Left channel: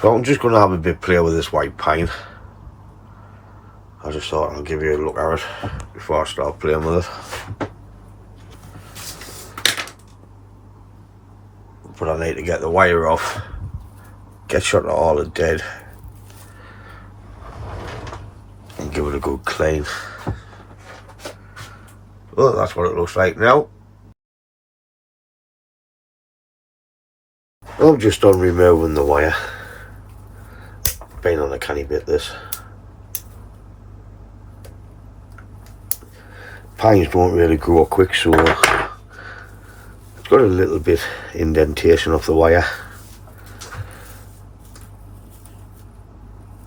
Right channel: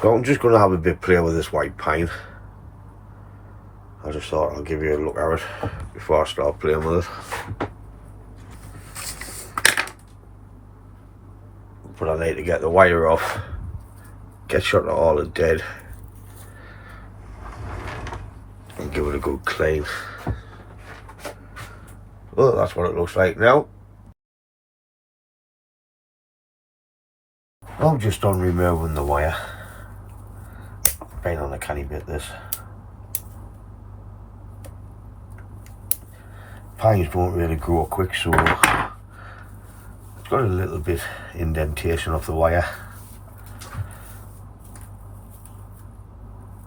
So I'm just going to have a bit play with this white pine. I just thought I'll give you a look at it before I start playing with it. But I need to get the wire off, get shut of all the dead, and give it a good clean. Well, that's what it looks like now. I'm just done removing the wire. Been on a canny bit this. Pines don't really grow quick, so it's got a little bit indentation off the wire,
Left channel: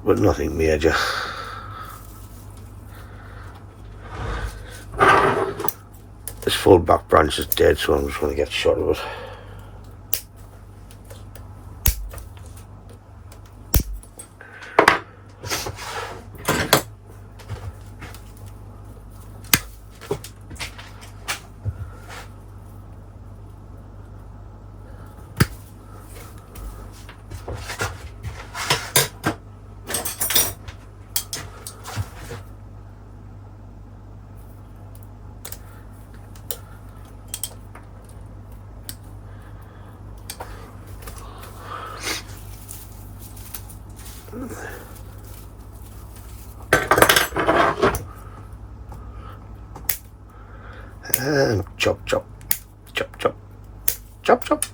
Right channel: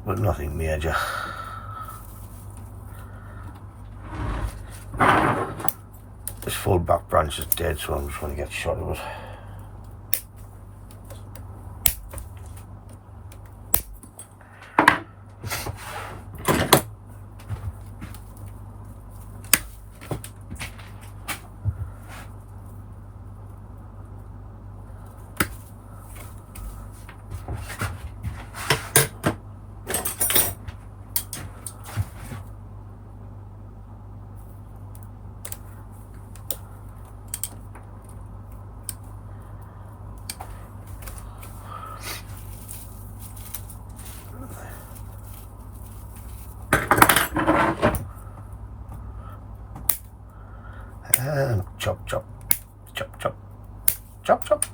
but nothing major. This full back branch is dead, so I'm just going to get shot of it. And chop, chop, chop, chop, chop, chop.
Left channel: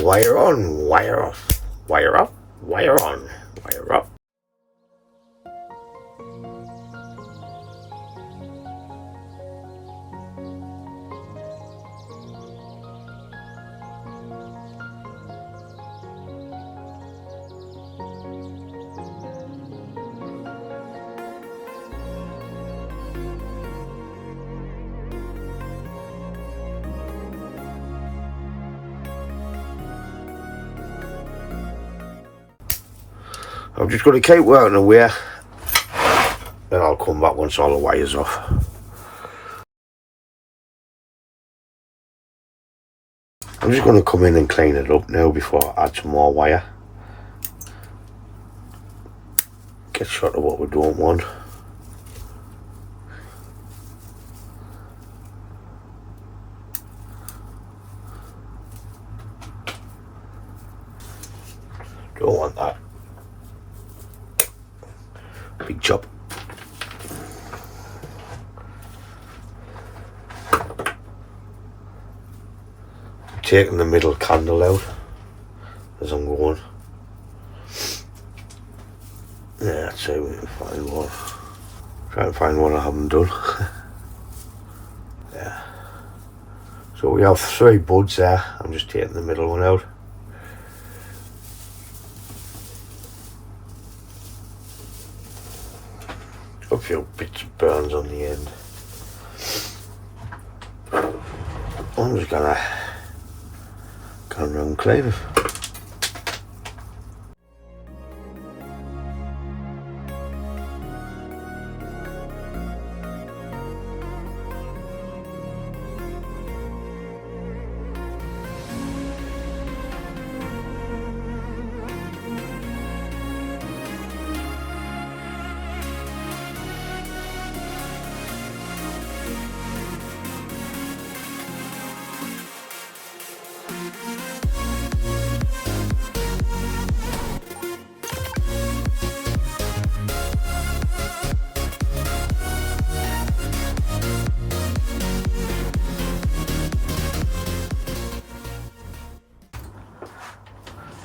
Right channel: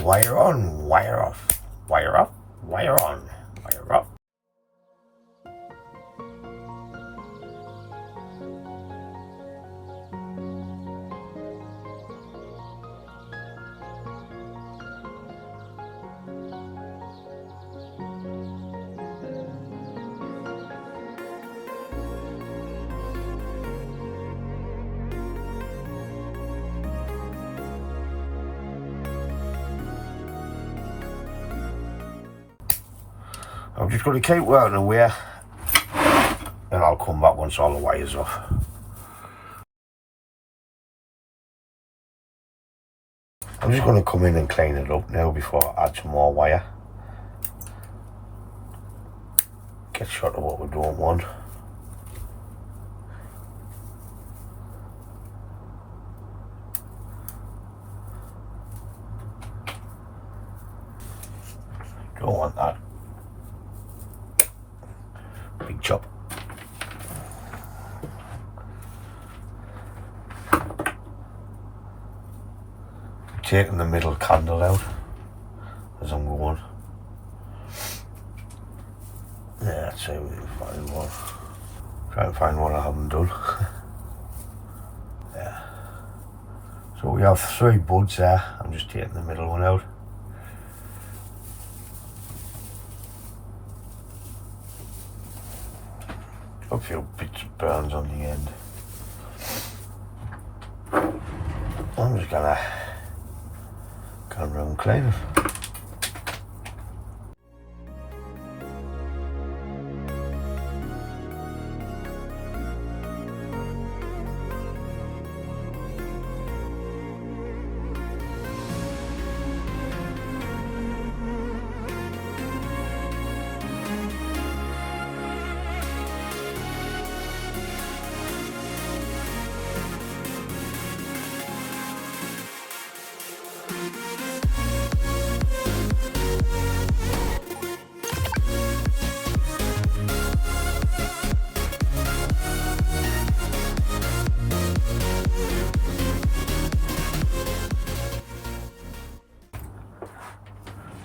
Wire on, wire off, wire up, wire on, wire up. I'm just going to keep working away, then I'll come back once all the wire's off. I'm just going to come in and clean it up now before I add some more wire. Get shot of what we don't want. Don't want that. Big chop. Taking the middle candle out as I'm going. Yeah, let's see if we can find one. Try to find one I haven't done. Yeah. So we have 3 buds there. I'm just taking the middle one out. A few bits of burns on the end. I'm just gonna go around clean it.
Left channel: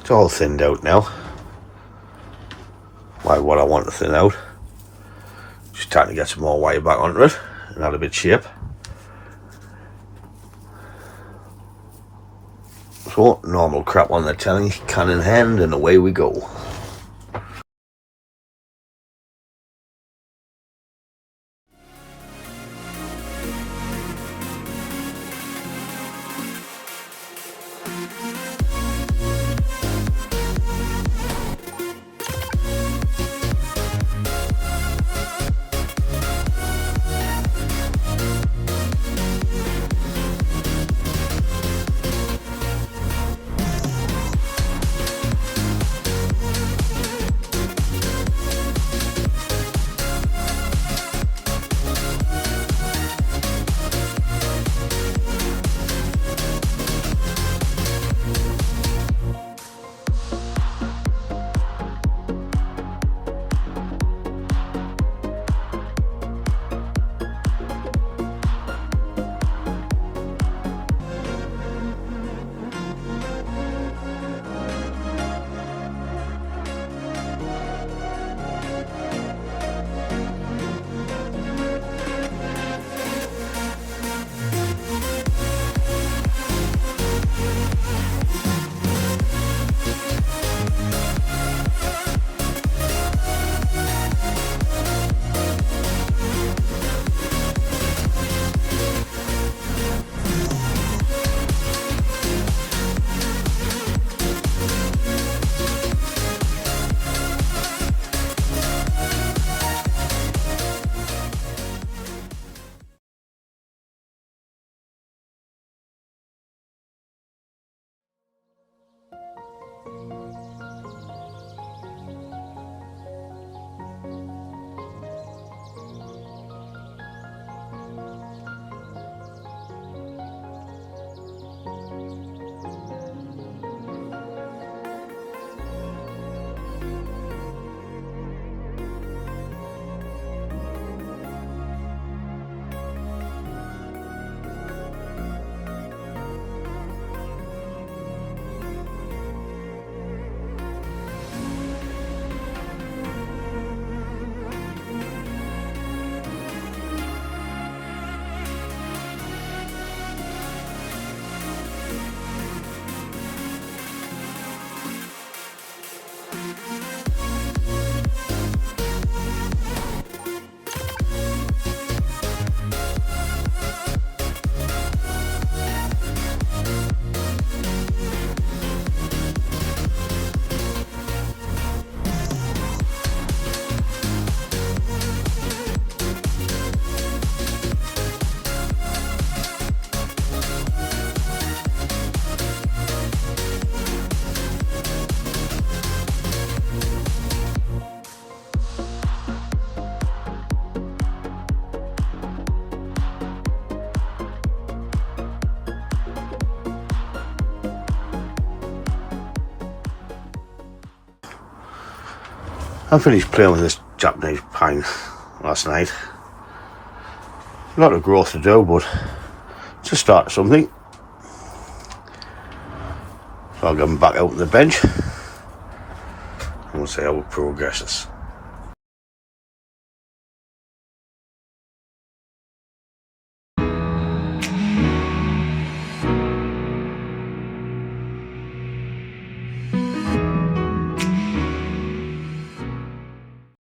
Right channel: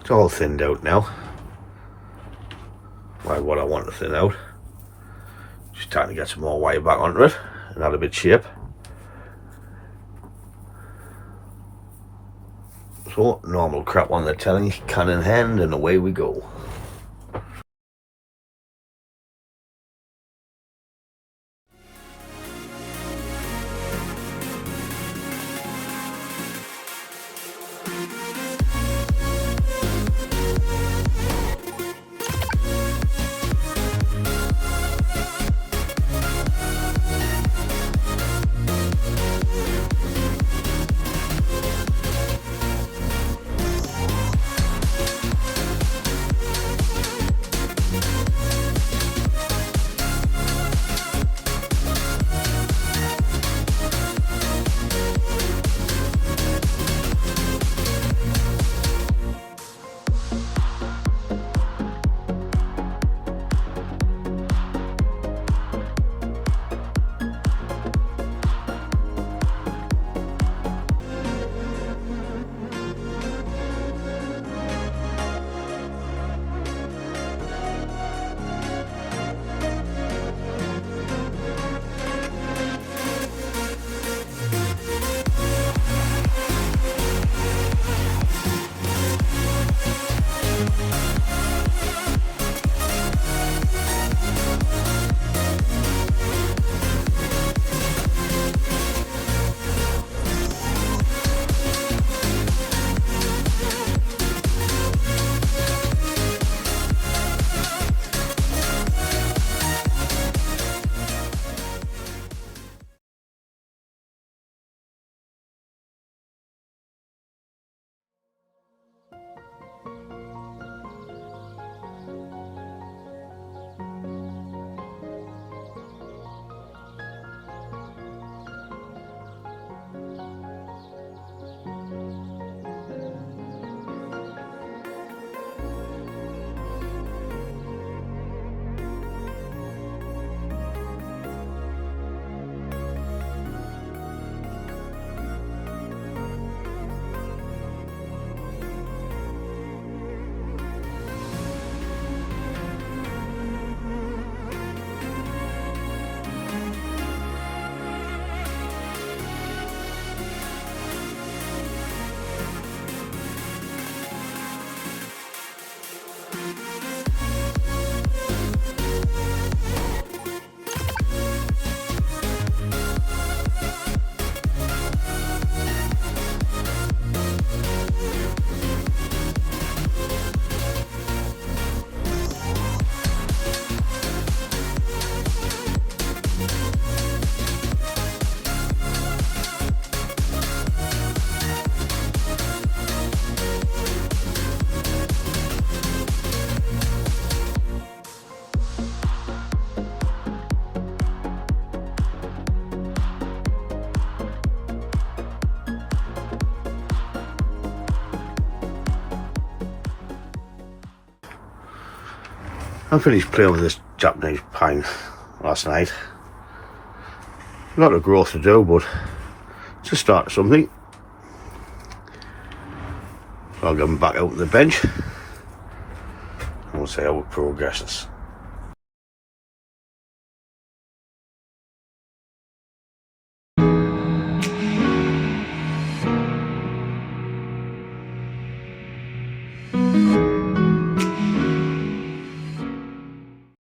It's all thinned out now. Like what I want to thin out. Just trying to get some more wire back onto it and add a bit of shape. So normal crap on the telly, can in hand, and away we go. I finished playing with this Japanese pine last night. A lot of growth to do, but it's a start to something. So I'll get them back out on the bench and we'll see how it progresses.